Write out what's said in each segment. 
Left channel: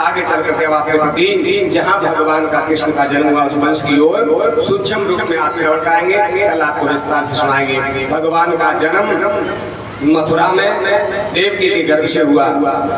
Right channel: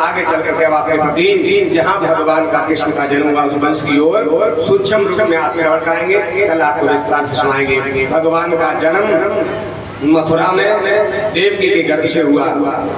आगे चल करके अब आपके प्रति जहाँ भगवान का कृष्ण का जन्म हुआ उस वंश की ओर सूक्ष्म रूप में आज श्रवण कराएंगे, कल आपको विस्तार से सुनाएंगे। भगवान का जन्म मथुरा में देवकी के गर्भ से हुआ।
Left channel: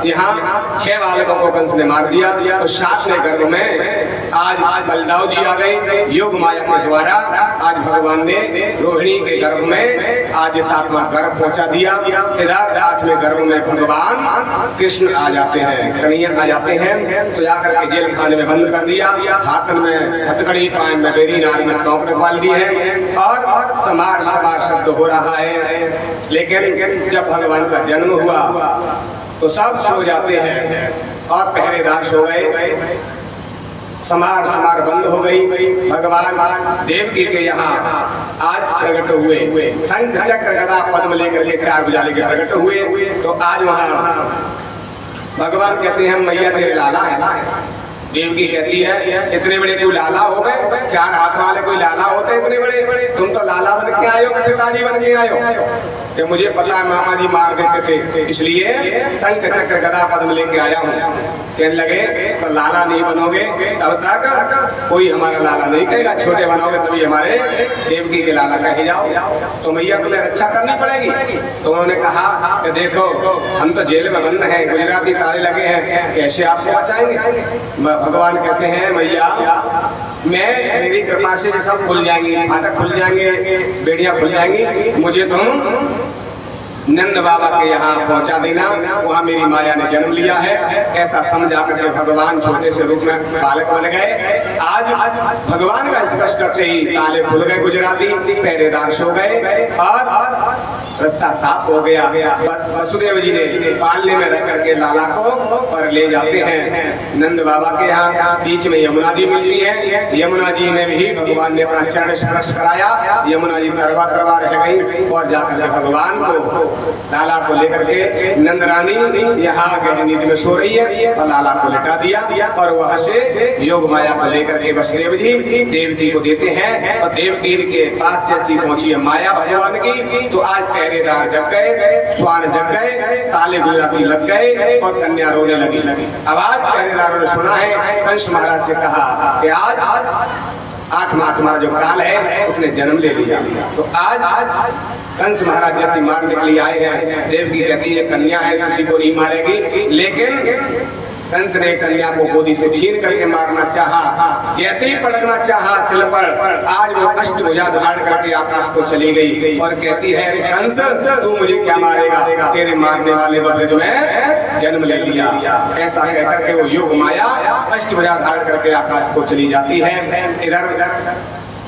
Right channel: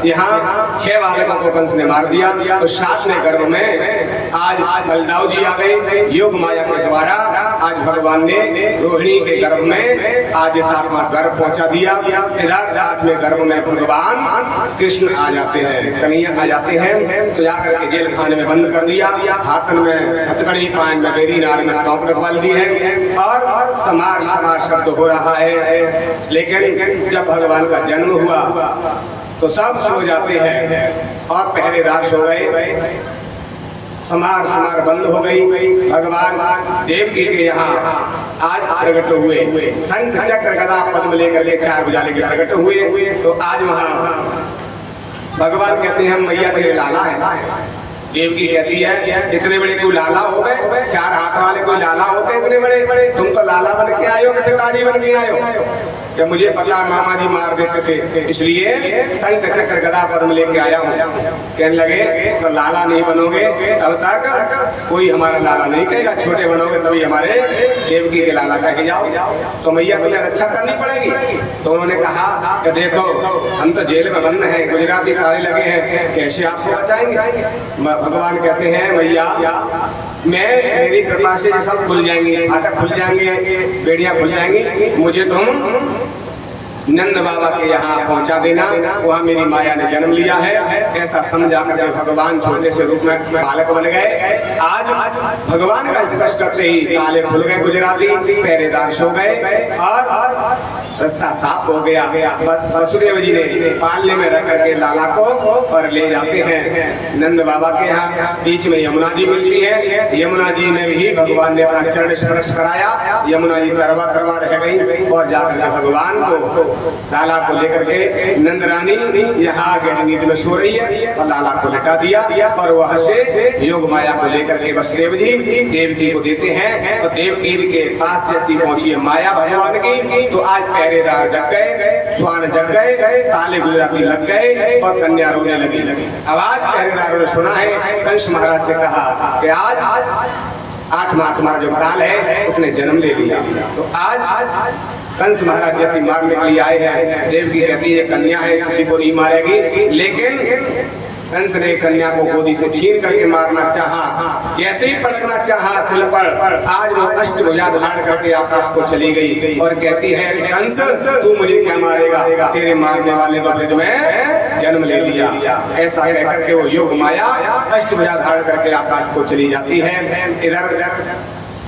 यहाँ 6 बालकों को कंस ने मार दिया और 7वें गर्भ में आज बलदाऊ जी आ गए। योग माया के द्वारा आज भगवान ने रोहिणी के गर्भ में आज 7वां गर्भ पहुंचा दिया। इधर 8वें गर्भ में भगवान कृष्ण आ जाते हैं, कन्हैया आ जाते हैं। तो जाकर के जेल खाने में बंद कर दिया, हाथन में हथकड़ी, पान में बेरी, नार में टोंक रखवा दी है और समार समार शब्द हो रहा है। लेकिन जब भगवान का जन्म हुआ तो सब सो जाते हैं और पहरेदार सो गए, समार समार बंद हो गई। भगवान देवकी के यहाँ आज प्रकट हुए, शंख चक्र गदा पद्म लेकर के 4 भुजा लेकर प्रकट हुए। तो आज वहाँ भगवान कहते हैं हम मैया तेरे लाला है। देवकी कहती है इतने बड़े कोई लाला हो गए, 4 हाथ वाले कोई लाला होते इतने बड़े, तुम तो लाला बन के आयो कि पिताजी बन के आयो? कि मुझे पता है मामा जी मार देते थे, इसलिए शंख चक्र गदा पद्म लेके आया हूँ। कहने लगे तो लाला नहीं बनोगे तब तक कोई हमारा लाला नहीं कहेगा, छोटे बनोगे तभी हमारे देवकी के लाला कहे जाओ। तो मैया तुम्हें रक्षा करनी पड़ेगी। तो उन्होंने कहा कि देखो हम तो जेल में बंद हैं, गुजराती ताले लगे हैं, कैसे आपको बचाएंगे? भगवान कहते हैं मैया मेरी कृपा से ये सब खुल जाएंगे, फाटक खुल जाएंगे, बेड़ियां खुल जाएंगी, मुझे तुम नंद बाबा के यहाँ पहुंचा देना, वहाँ मेरी माया ने जन्म लिया है। ऐसा समझा करके भगवान छोटे से रूप में बालक बन गए। आज भगवान का स्पर्श करते ही ताले खुल गए, गुजराती पहरेदार सो गए और रास्ता साफ हो गया। वसुदेव जी ने पालने में रख करके लाला को पर ले जाते हैं नंद बाबा के यहाँ। बीच में यमुना जी मिलती है, यमुना जी में भी भगवान ने अपना चरण स्पर्श कराया। यमुना जी तरवा तरवा रह गई और जाकर भगवान को लाला को लेकर के नंद रानी यहाँ गहरी नींद में सो रही है और लाला को लिटा दिया और वहाँ से योग माया को लेकर के वसुदेव जी देवकी को देते हैं। और देवकी के पास जैसी पहुंची है माया भगवान की, तो आज पहरेदार जग गए, स्वान जग गए, ताले गुजराती लग गए और कन्या रोने लगी। अब आज पहरेदारों ने सुना है कंस महाराज से कहा कि आज 8वां तुम्हारा जो काल है उसने जन्म ले लिया। तो आज कंस महाराज जैसी मारने के लिए आए हैं। देवकी कहती है कन्या है, किसी को नहीं मारेगी, लेकिन कंस ने कन्या को गोदी से छीन करके मारना चाहा। जैसे ही पटकना चाहा सिर पर, आज वो अष्टभुजा धारण करके आकाश को चली गई और कहती है कंस तू मुझे क्या मारेगा, तेरे मारने वाले तो तुम्हें जन्म ले लिया। ऐसा कहकर के वो योग माया अष्टभुजा धारण करके आकाश को चली जाती है। इधर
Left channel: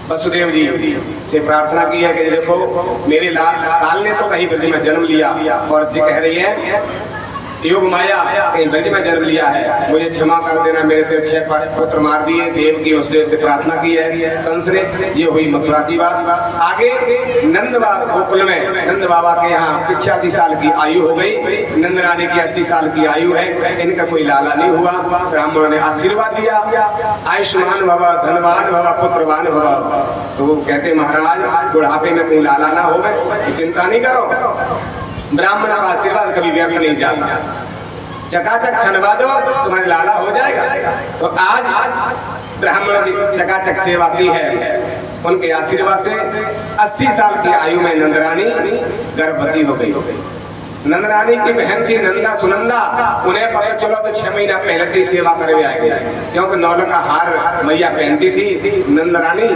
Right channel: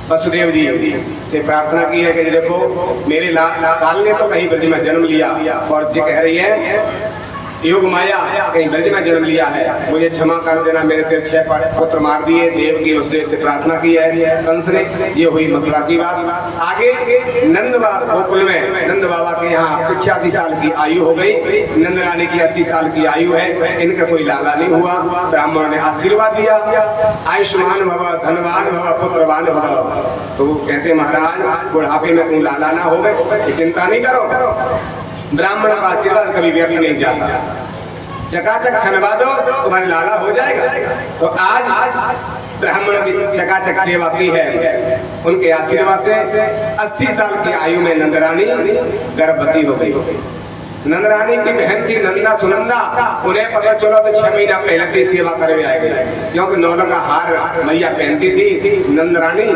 वसुदेव जी से प्रार्थना की है कि देखो मेरे लाल ने तो कहीं ब्रज में जन्म लिया और जी कह रही है योग माया कहीं ब्रज में जन्म लिया है, मुझे क्षमा कर देना, मेरे तेरे 6 पुत्र मार दिए। देव की वसुदेव से प्रार्थना की है कंस ने। ये हुई मथुरा की बात। आगे नंद गोकुल में नंद बाबा के यहाँ 85 साल की आयु हो गई, नंद रानी की 80 साल की आयु है। इनका कोई लाला नहीं हुआ। ब्राह्मणों ने आशीर्वाद दिया आयुष्मान भव, धनवान भव, पुत्रवान भव। तो वो कहते महाराज बुढ़ापे में कोई लाला ना हो, चिंता नहीं करो, ब्राह्मण का आशीर्वाद कभी व्यर्थ नहीं जाता, चकाचक छनवा दो तुम्हारे लाला हो जाएगा। तो आज ब्राह्मणों की चकाचक सेवा की है, उनके आशीर्वाद से 80 साल की आयु में नंदरानी गर्भवती हो गई। नंदरानी की बहन थी नंदा सुनंदा, उन्हें पता चलो तो 6 महीना पहले की सेवा करवे आएगी, क्योंकि नौला का हार मैया पहनती थी नंदरानी,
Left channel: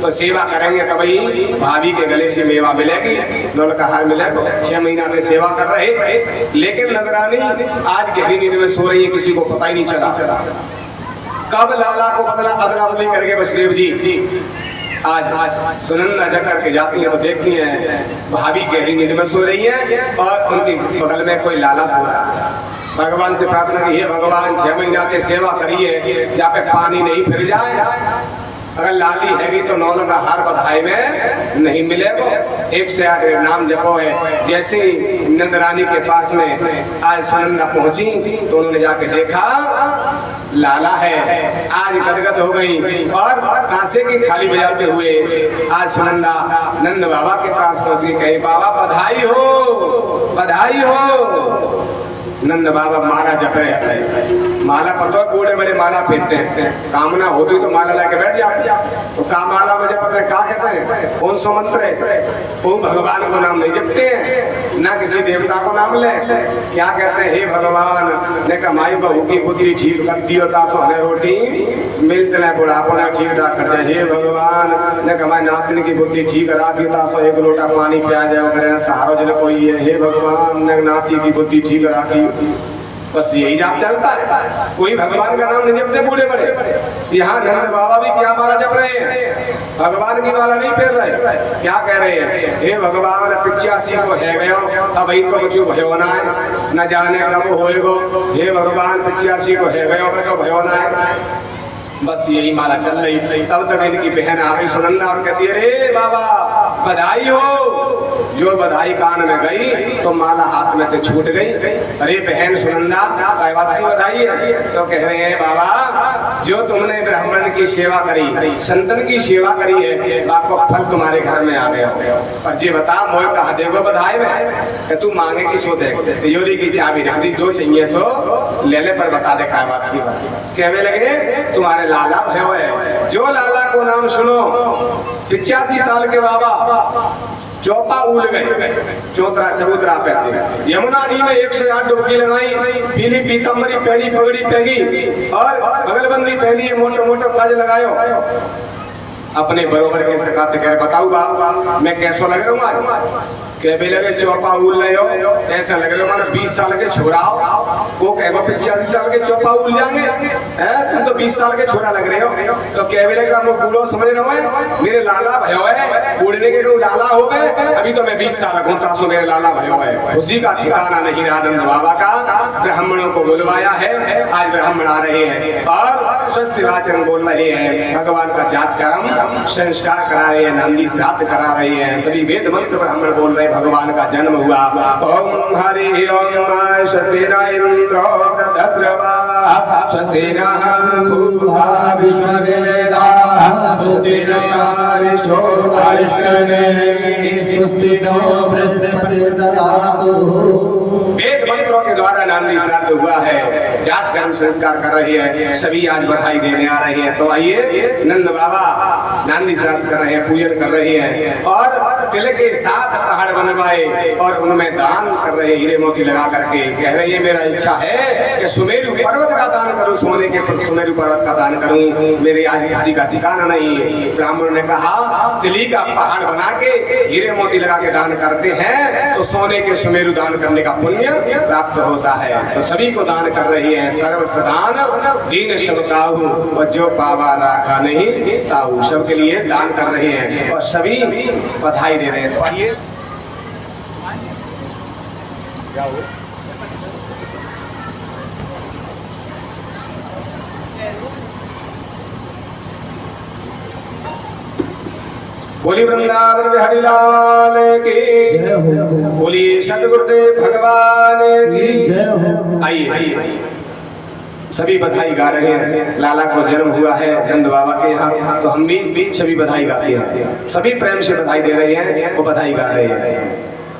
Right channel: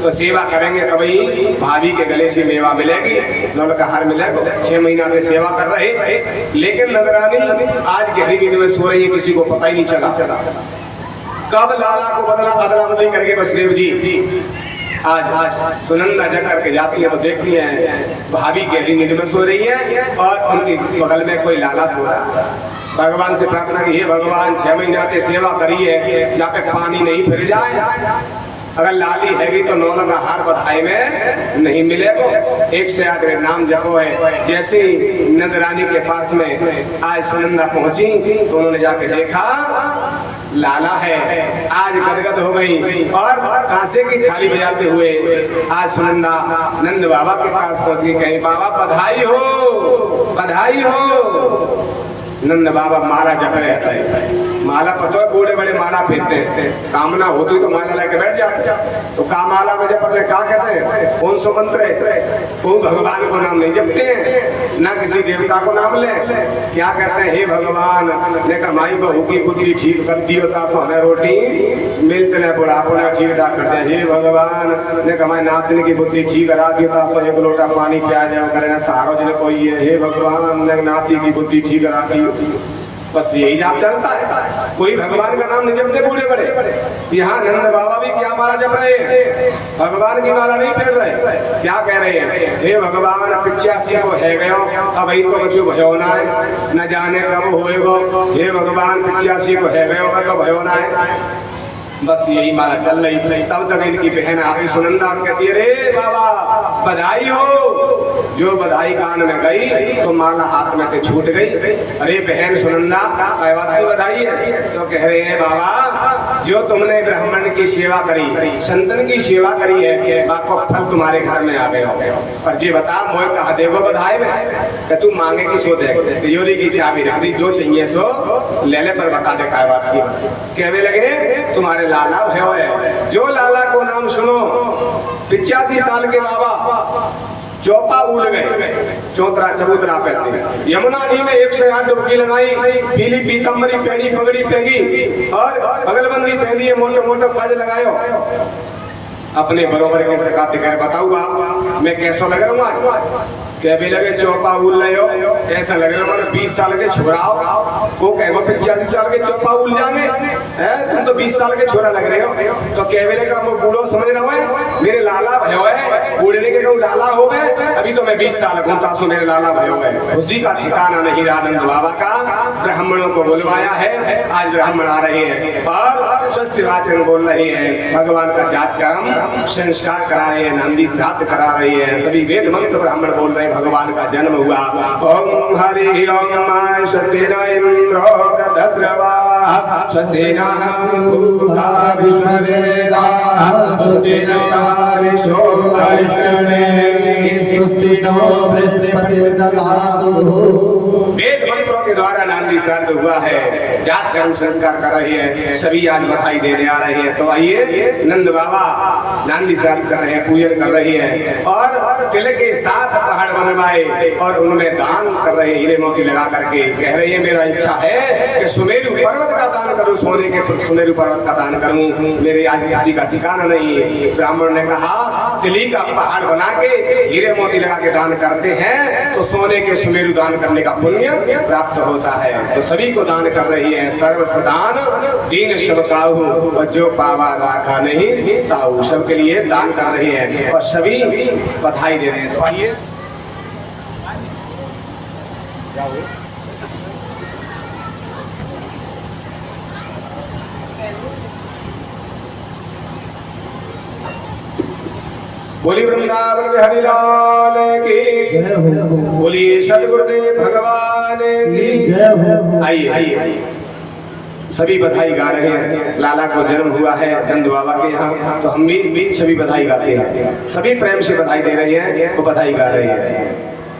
तो सेवा करेंगे तभी भाभी के गले से मेवा मिलेगी, नौला का हार मिलेगा। 6 महीना से सेवा कर रहे, लेकिन नंदरानी आज गहरी नींद में सो रही है, किसी को पता ही नहीं चला कब लाला को अदला बदली करके वसुदेव जी आज सुनंदा जग करके जाती है तो देखती है भाभी गहरी नींद में सो रही है और उनके बगल में कोई लाला सो रहा है। भगवान से प्रार्थना की है भगवान 6 महीना की सेवा करिए, जहाँ पे पानी नहीं फिर जाए, अगर लाली हैगी तो नौला का हार बधाई में नहीं मिलेगा। 108 नाम जपो है। जैसे ही नंदरानी के पास में आज सुनंदा पहुंची तो उन्होंने जाके देखा लाला है। आज गदगद हो गई और कांसे की थाली बजाते हुए आज सुनंदा नंद बाबा के पास पहुंच गई, कहे बाबा बधाई हो बधाई हो। नंद बाबा माला जप रहे थे, माला पता है बूढ़े बड़े माला पहनते हैं, कामना होती तो माला लेके बैठ जाते। तो का माला मुझे पता है क्या कहते हैं, कौन सा मंत्र है, वो भगवान को नाम नहीं जपते हैं, ना किसी देवता को नाम ले। क्या कहते हैं, हे भगवान ने कमाई बहू की बुद्धि ठीक कर दियो तासो हमें रोटी मिलते न बुढ़ापो ना ठीक ठाक कर दे। हे भगवान ने कमाई नातनी की बुद्धि ठीक करा दियो तासो एक लोटा पानी पिया जाओ करे सहारो जिले कोई है। हे भगवान ने नाती की बुद्धि ठीक करा दी। बस यही जाप चलता है, कोई भगवान का नाम नहीं जपते बूढ़े बड़े। यहाँ नंद बाबा भी क्या माला जप रहे हैं, भगवान की माला नहीं फेर रहे। क्या कह रहे हैं, हे भगवान 85 को है गयो अब इनको बच्चों भयो ना है, न जाने कब होएगो। हे भगवान 85 को है गयो तो भयो ना है। बस यही माला चल रही। तब तक इनकी बहन आ गई सुनंदा और कहती है, अरे बाबा बधाई हो। जो बधाई कान में गई तो माला हाथ में से छूट गई। अरे बहन सुनंदा काय बात की बधाई है? तो कह रहे हैं, बाबा जो तुमने ब्राह्मण की सेवा करी, संतन की सेवा करी है, बाको फल तुम्हारे घर में आ गया। और जी बता मोह कहा देखो बधाई में तू मांगे की सो दे, तिजोरी की चाबी रख दी, जो चाहिए सो ले ले, पर बता दे काय बात की। कहने लगे तुम्हारे लाला भयो है, जो लाला को नाम सुनो 85 साल के बाबा चौपा उड़ गए, चौतरा चबूतरा पहनते, यमुना जी में 108 डुबकी लगाई, पीली पीतम्बरी पहनी, पगड़ी पहनी और बगलबंदी पहनी, मोटे मोटे फज लगायो। अपने बरोबर के सकाते कर बताऊ बाप मैं कैसा लग रहा हूँ। क्या भी लगे चौपा उड़ रहे हो, ऐसा लग रहा हो 20 साल के छोरा को कहो 85 साल के चौपा उड़ जाएंगे, तुम तो 20 साल के छोरा लग रहे हो। तो क्या भी लगे वो बूढ़ो समझ रहे हो, मेरे लाला भयो है, बूढ़ने के लाला हो गए, अभी तो मैं 20 साल घूमता सो मेरे लाला भयो है। उसी का ठिकाना नहीं आनंद बाबा का। ब्राह्मणों को बुलवाया है, आज ब्राह्मण आ रहे हैं और स्वस्थ वाचन बोल रहे हैं, भगवान का जात कर्म संस्कार करा रहे हैं, नंदी श्राद्ध करा रहे हैं, सभी वेद मंत्र ब्राह्मण बोल रहे हैं, भगवान का जन्म हुआ। ओम हरि ओम स्वस्ति न इंद्रो दस्रवा स्वस्ति न भूता विश्ववेदा स्वस्ति नस्तारिष्ठो अरिष्टने स्वस्ति नो बृहस्पतिर्दधातु। वेद मंत्रों के द्वारा नांदी श्राद्ध हुआ है, जात कर्म संस्कार कर रही है, सभी आज बधाई देने आ रहे हैं। तो आइए नंद बाबा नांदी श्राद्ध कर रहे हैं, पूजन कर रहे हैं और किले के 7 पहाड़ बनवाए और उनमें दान कर रहे हीरे मोती लगा करके। कह रहे हैं मेरा इच्छा है कि सुमेरु पर्वत का दान करूं, सोने के सुमेरु पर्वत का दान करूं, मेरे आज किसी का ठिकाना नहीं है। ब्राह्मण ने कहा दिल्ली का पहाड़ बना के हीरे मोती लगा के दान करते हैं तो सोने के सुमेरु दान करने का पुण्य प्राप्त होता है। तो सभी को दान कर रही है, सर्व सदान दीन सबताऊ और जो पावा राखा नहीं ताऊ, सबके लिए दान कर रही है और सभी बधाई दे रहे हैं। आइए बोली वृंदावन बिहारी लाल की, बोली सदगुरुदेव भगवान की। आइए सभी बधाई गा रहे हैं, लाला को जन्म हुआ है नंद बाबा के यहाँ, तो हम भी सभी बधाई गाते हैं, सभी प्रेम से बधाई दे रहे हैं, तो बधाई गा रहे हैं।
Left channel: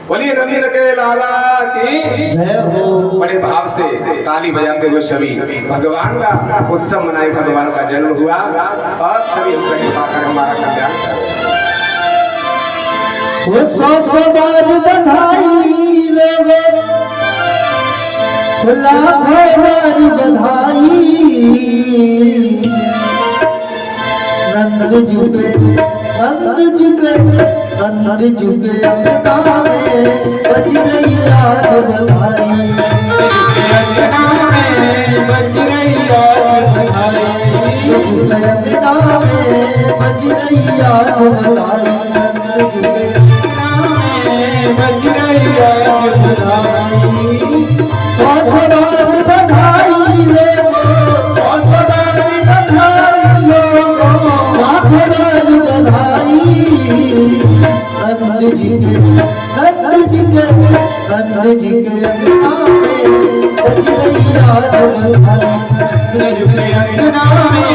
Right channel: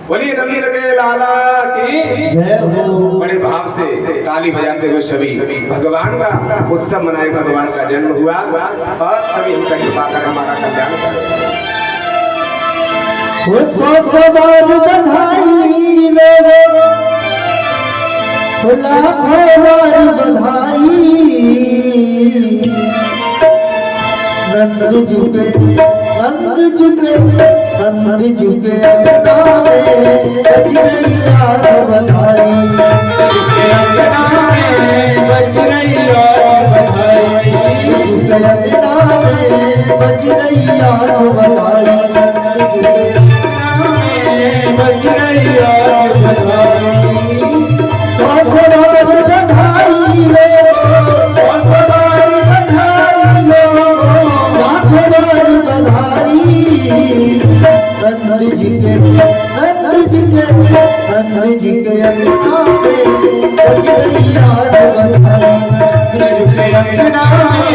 बोलिए नंद के लाला की जय हो। बड़े भाव से ताली बजाते हुए सभी भगवान का उत्सव मनाए, भगवान का जन्म हुआ और सभी हम तक कृपा कर हमारा कल्याण करें। बधाई लाखों बार बधाई, नंद जुगे नंद जुगे नंद जुगे अंगना में बज रही आज बधाई, अंगना में बज रही आज बधाई, जुगे अंगना में बज रही आज बधाई, जुगे अंगना में बज रही आज बधाई। बधाई लो, बधाई नंद जी के नंद जी के नंद जी के अंगना में बज रही आज बधाई, नंद के अंगना में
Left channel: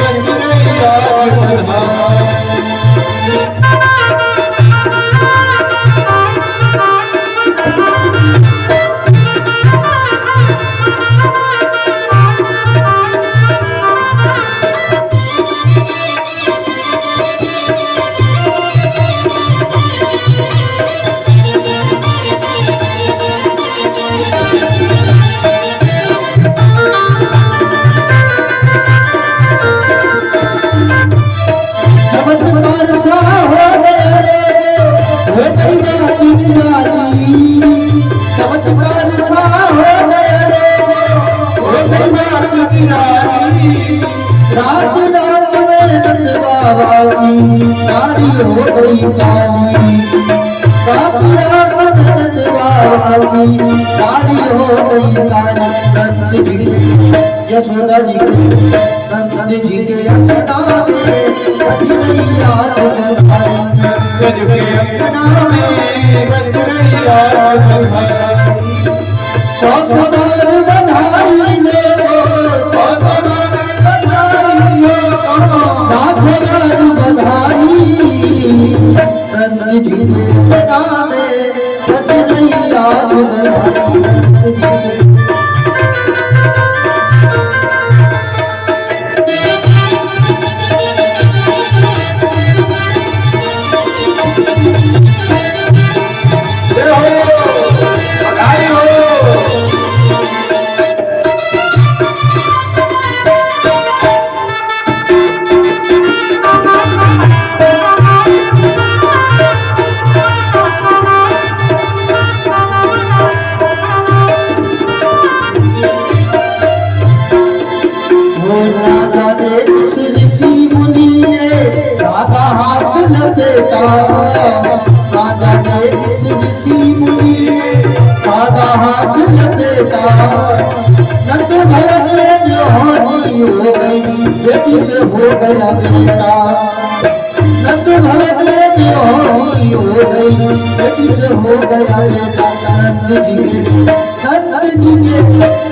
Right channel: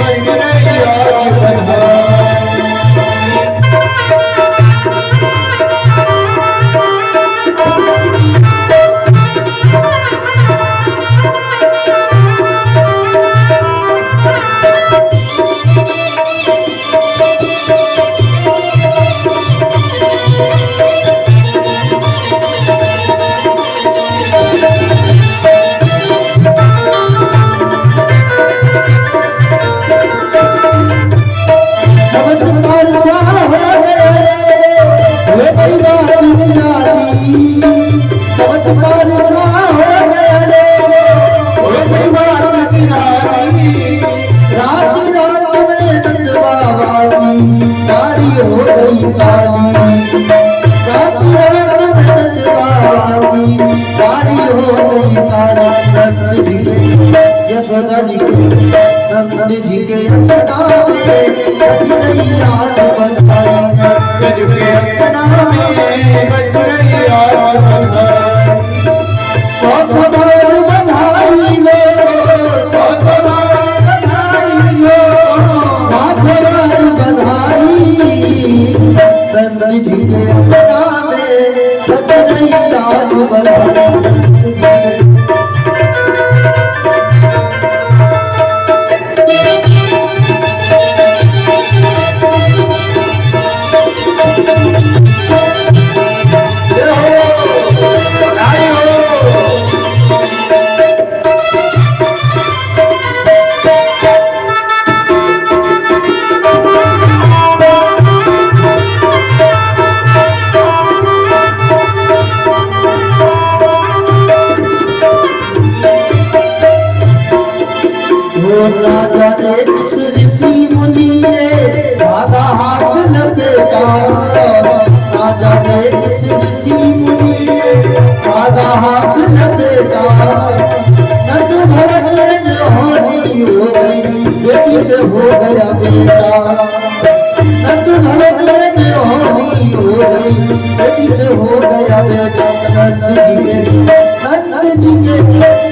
बज रही आज बधाई। रात रात में नंद बाबा की नारी हो गई काली। रात रात में नंद बाबा की नारी हो गई काली। नंद जी के यशोदा जी के नंद जी के अंगना में बज रही आग बंधाई। नंद जी के अंगना में बज रही आग बंधाई। सौ सवार बधाई लो, सौ सवार बधाई लो, लाख बार बधाई। नंद जी के अंगना में बज रही आग बंधाई। नंद जी के राजा ने किस ऋषि मुनि ने राधा हाथ लपेटा। राजा ने किस ऋषि मुनि ने राधा हाथ लपेटा। नंद भरत जवानी हो गई, बेटी से हो गया बेटा। नंद भरत जवानी हो गई, बेटी से हो गया बेटा।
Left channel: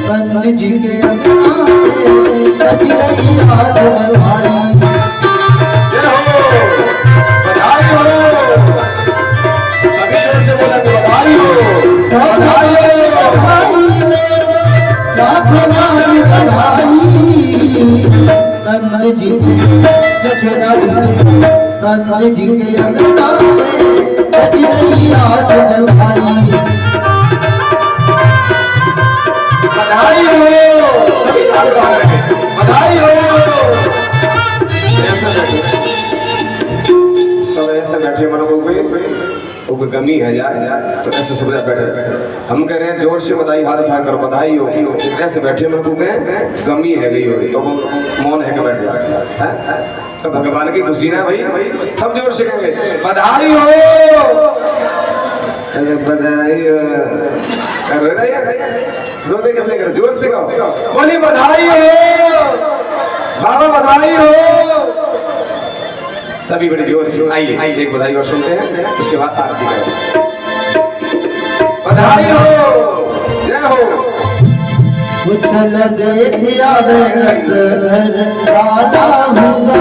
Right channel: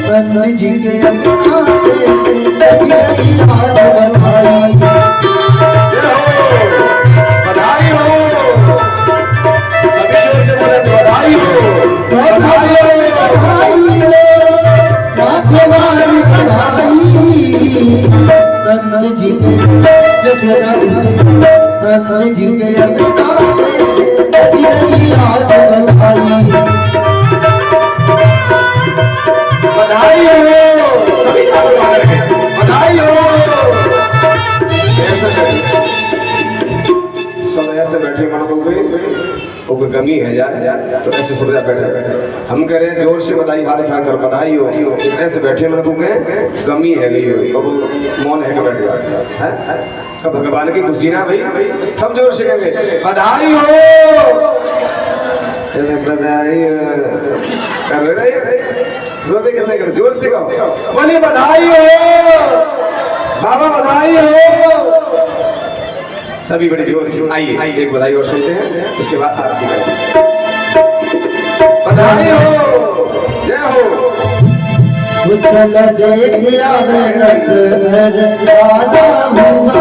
नंद जी के अंगना में बज रही आग बंधाई। बधाई हो, सभी जोर से बोले बधाई हो। बधाई लो, लाख बार बधाई। नंद जी के यशोदा जी के नंद जी के अंगना में बज रही आग बंधाई। बधाई हो, सभी ताली बजा करके बधाई हो। सब ऐसे बैठे मन को कोई गमी है जा तो ऐसे सब बैठे। हम कह रहे हैं जोर से बधाई, हाथ उठा कर बधाई हो। ऐसे बैठे मन को गमी है गई हो तो मौन है के बैठे हैं। सब भगवान की खुशी ना भाई, सब जोर से कहेंगे बधाई हो, बधाई कर रहे रोते कैसे कर, जोर से कहो बोली बधाई हो बाबा, बधाई हो। सभी बड़ी जोर से आइए एक बधाई और सुनते हैं, उसके बाद आरती करेंगे। बधाई हो, जय हो। चल देख आवे रत घर वाला हुआ।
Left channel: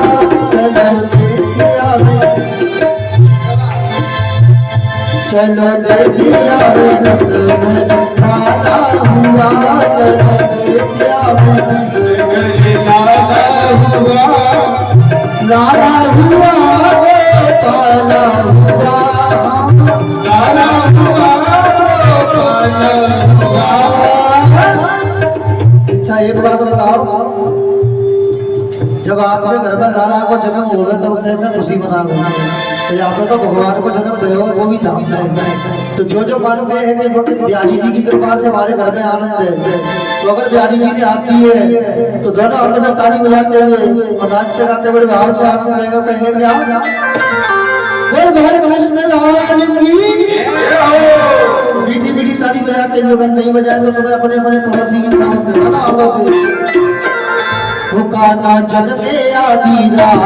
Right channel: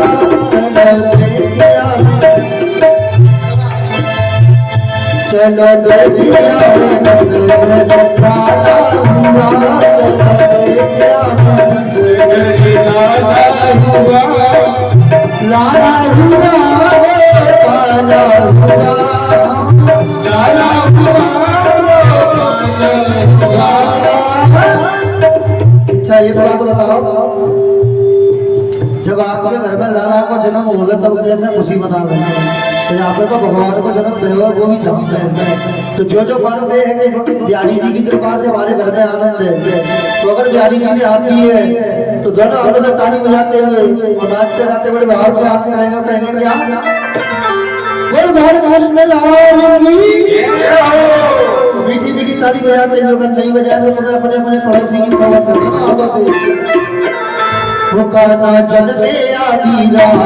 चलो देख आवे रत घर वाला हुआ। चलो देख आवे रत घर लाला हुआ। लाला हुआ गोपाला हुआ। लाला हुआ गोपाला हुआ। अच्छा एक बात बताओ, जब आपके घर में लाला को जन्म होगा तब कैसे खुशी मनाओगे? तो यहाँ पे तो भगवान को जन्म देगा वो भी धाम है। तो जो मानते हैं कि बिहारी जी की कृपा से हमारे घर में आनंद है, तो अगर बिहारी जी ने आती है तो दोनों हाथों से ताली बजाते हुए और नाचते गाते बड़े भाव से आनंद लेगा। कहेंगे क्या बोल भारत कृष्ण लाल की। मीठी मीठी ताली बजाते हुए, अगर नहीं बजाए तो तुम्हें अपने अपने पड़ोसी की खबर देगा ना हाथों से। काना जन में आधी रात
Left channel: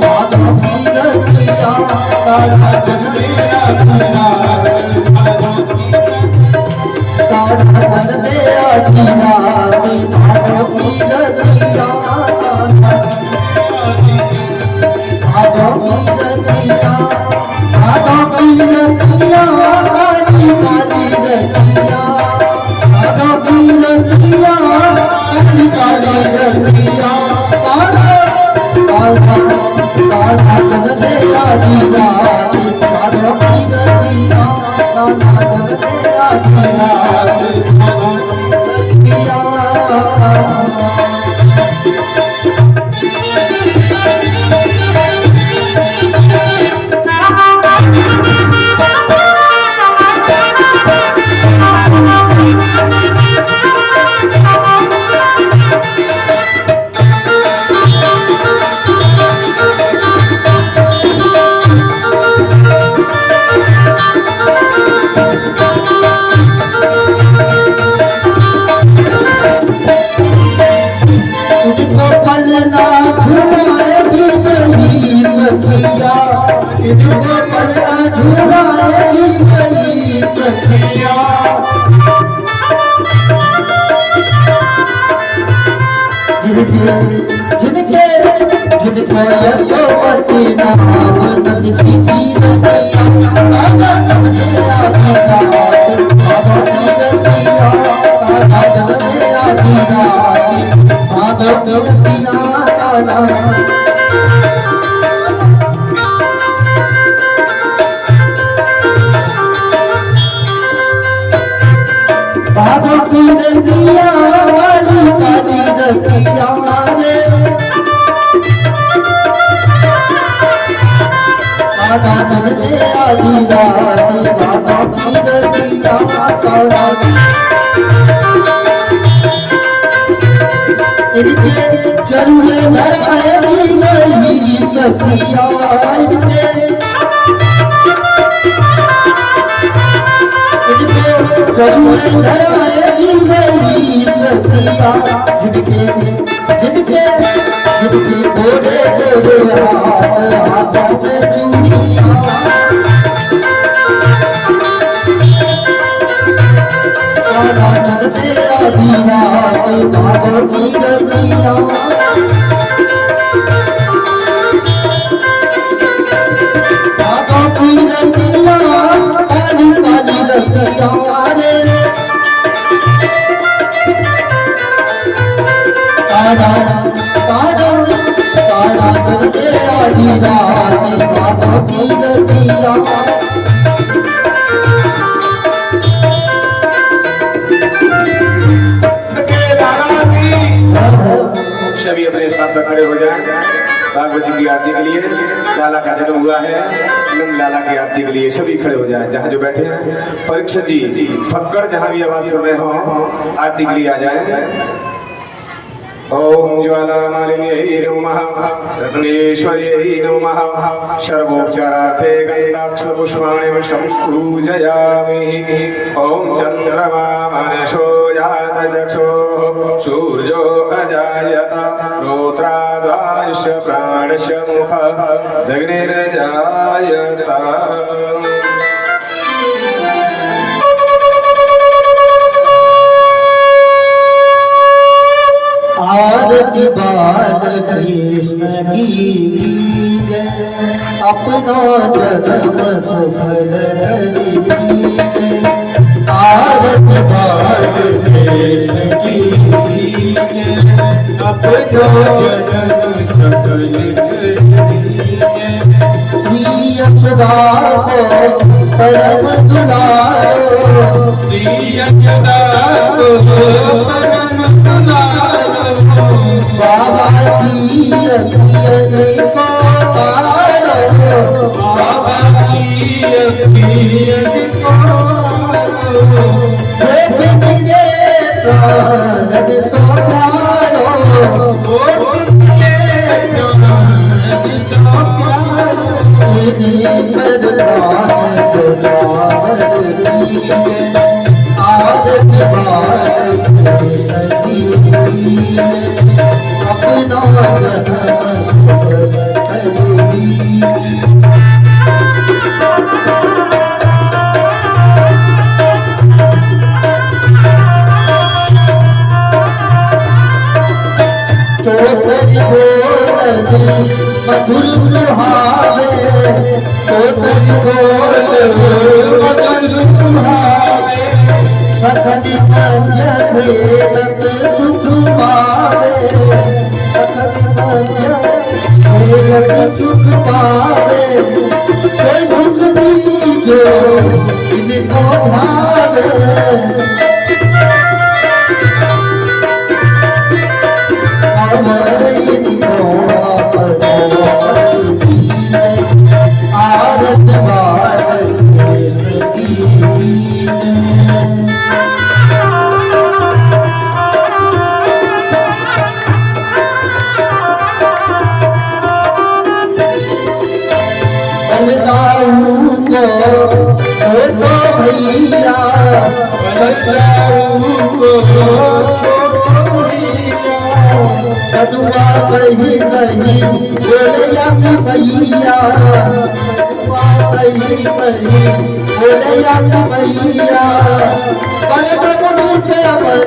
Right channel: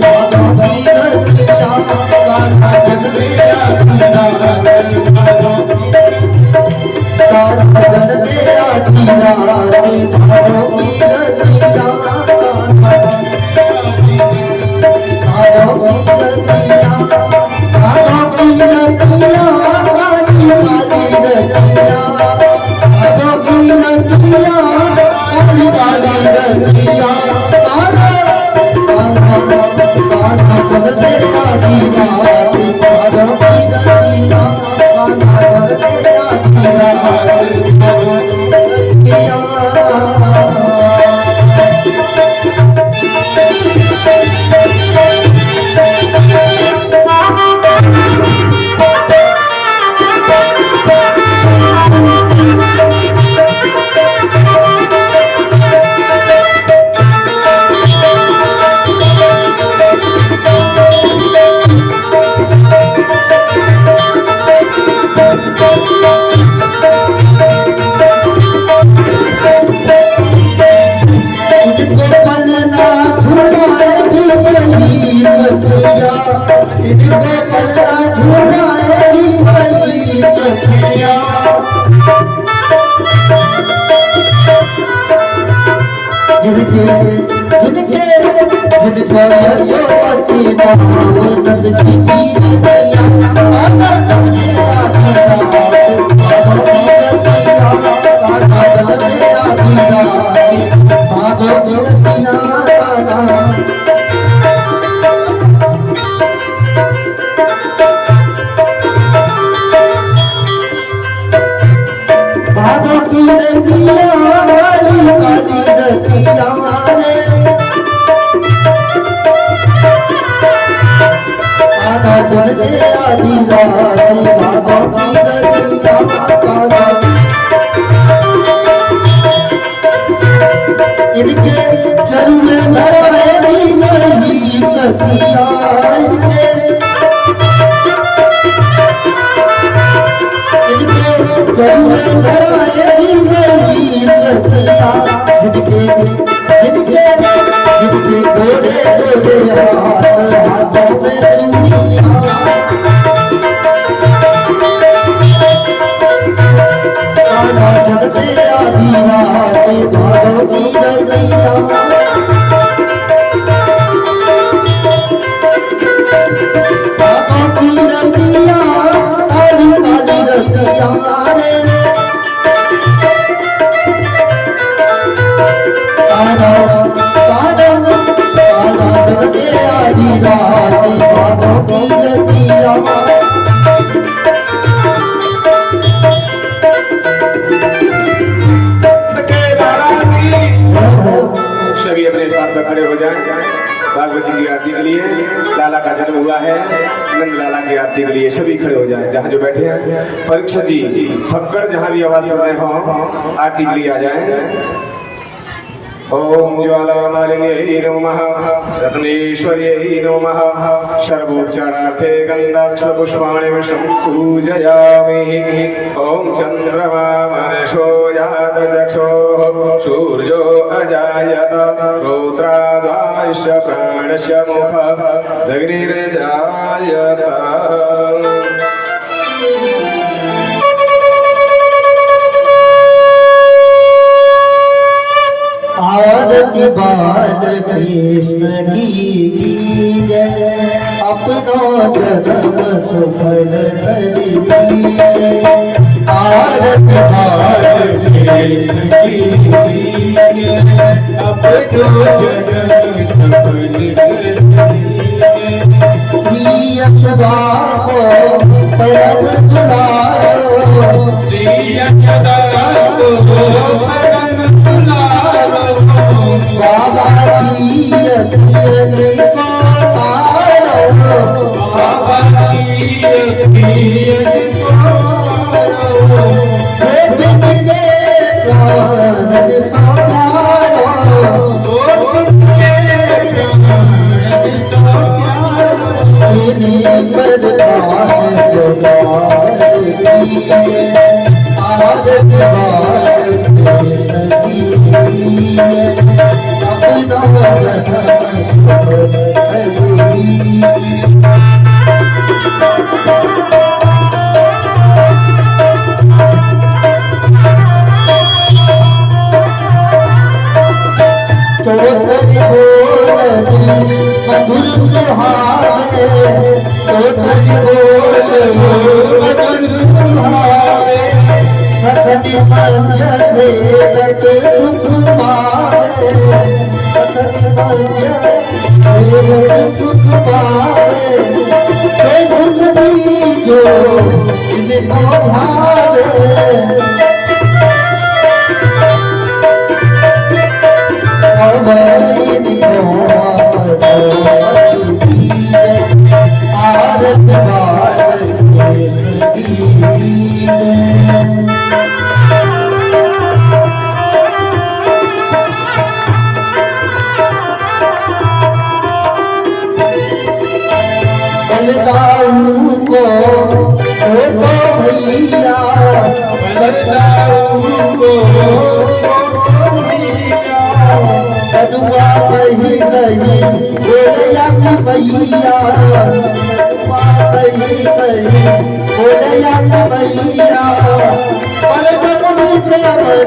बादों की रतियां। काना जन में आधी रात बादों की रतियां। काना जन में आधी रात बादों की रतियां। बादों की रतियां, बादों की रतियां, काली काली रतियां। बादों की रतियां, काली काली रतियां। इनको पलना झूलाएगी वही सखिया। जिनके जिनको यशोमती नाम नंद जी की नदिया आगा चलते आधी रात भादों की नदिया आगा चलते आधी रात भादों की नदिया आगा भादों की नदिया काली काली नदिया रे आगा चलते आधी रात भादों की नदिया आगा इनके चरुए धराएगी वही सखिया। इनके चरुए धराएगी वही सखिया। जिनके गोरे गोरे हाथों में चूड़ियां आगा चलते आधी रात भादों की नदिया। भादों की नदिया काली काली नदिया रे काना काना काना चलते आधी रात भादों की नदिया। सभी अपने स्थान पर खड़े हो जाएं। भागवत जी की आरती के लिए लाला का जन्म हुआ है, नंद लाला की आरती के लिए सभी खड़े हो जाएं। जहाँ जो बैठे हैं परीक्षित जी फक्कड़ जहाँ भी आवाज सुन रहे हो आरती के लिए आ जाएं। ओम ज्वाला मालिन्यै नमः रत्नेश्वर्यै नमः सर्वोपचारार्थे गन्धाक्ष पुष्पाणि विषं पूजयामि। ओम चन्द्रमा मनसो जात चक्षुः सूर्यो अजायत रौद्राद्वायुष्य प्राणस्य मुखः अग्निर्जायत। आरती बाल कृष्ण की जय अपना जन्म सफल करी जय। आरती बाल कृष्ण की जय अपना जन्म सफल करी जय। श्री यशोदा को परम दुलारो श्री यशोदा को परम दुलारो बाबा की अखियन को तारो बाबा की अखियन को बिन के प्राण सो प्यारो बिन के प्राण सो प्यारो इन्हीं पर प्राण को आरती कृष्ण की अपना जन्म सफल करी। तोतरी बोलनी मधुर सुहावे तोतरी बोलनी मधुर सुहावे सखनी पंज खेलत सुख पावे सखनी पंज खेलत सुख पावे सोई सुख दीजो इनको ध्यावे। आरत बाल कृष्ण की बलदाऊ को छोटो भैया बलदाऊ को छोटो भैया कदुआ कहीं कहीं बोले या भैया कही कही बोलया मैया पलक मुनि पे अमर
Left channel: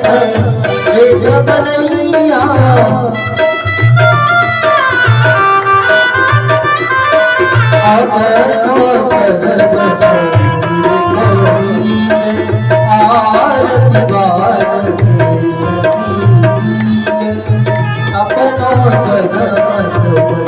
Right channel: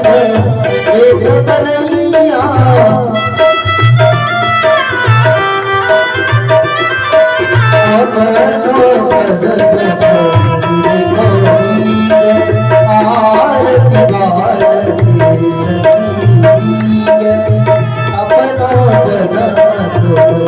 एक बलैया अपनो सरग आरती बारती अपनो जन्म सुख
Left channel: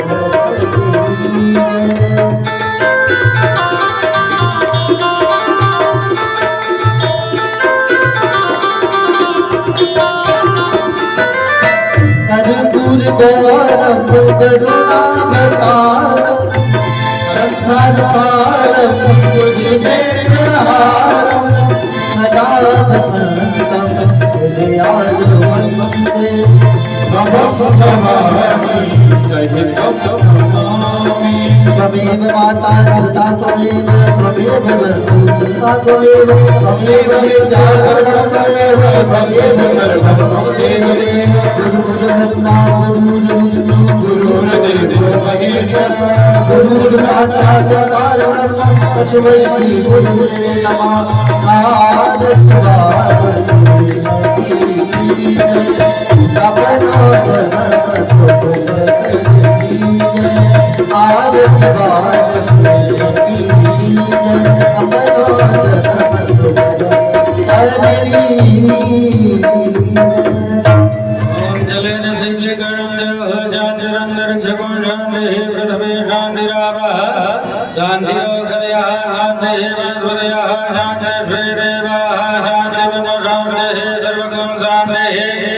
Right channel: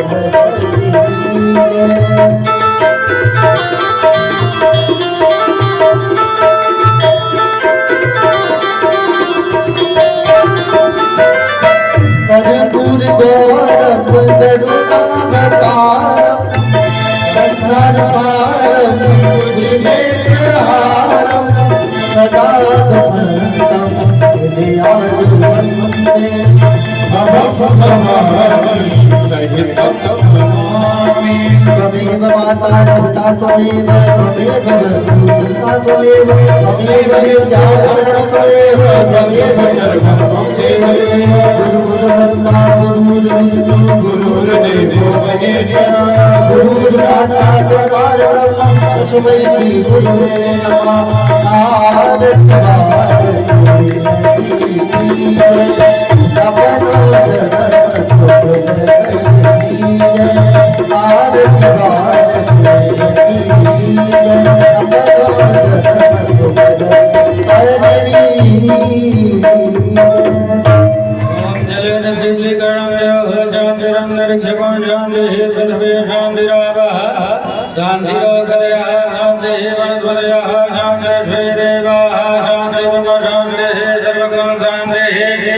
कर्पूर गौरम करुणावतारम संसार सारम नेत्रहारम सदा वसंतम हृदयार्जुनं वन्दे भवं भवामि सहितं नमामि त्वमेव माता पिता त्वमेव त्वमेव बन्धुः त्वमेव त्वमेव विद्याधरं त्वमेव त्वमेव सर्वं त्वमेव गुरुर्ब्रह्मा गुरुर्विष्णु गुरुर्देवो महेश्वरः गुरुर्साक्षात् परब्रह्म तस्मै श्री गुरुवे नमः आरति अपनो जन्म सुख आरती शांति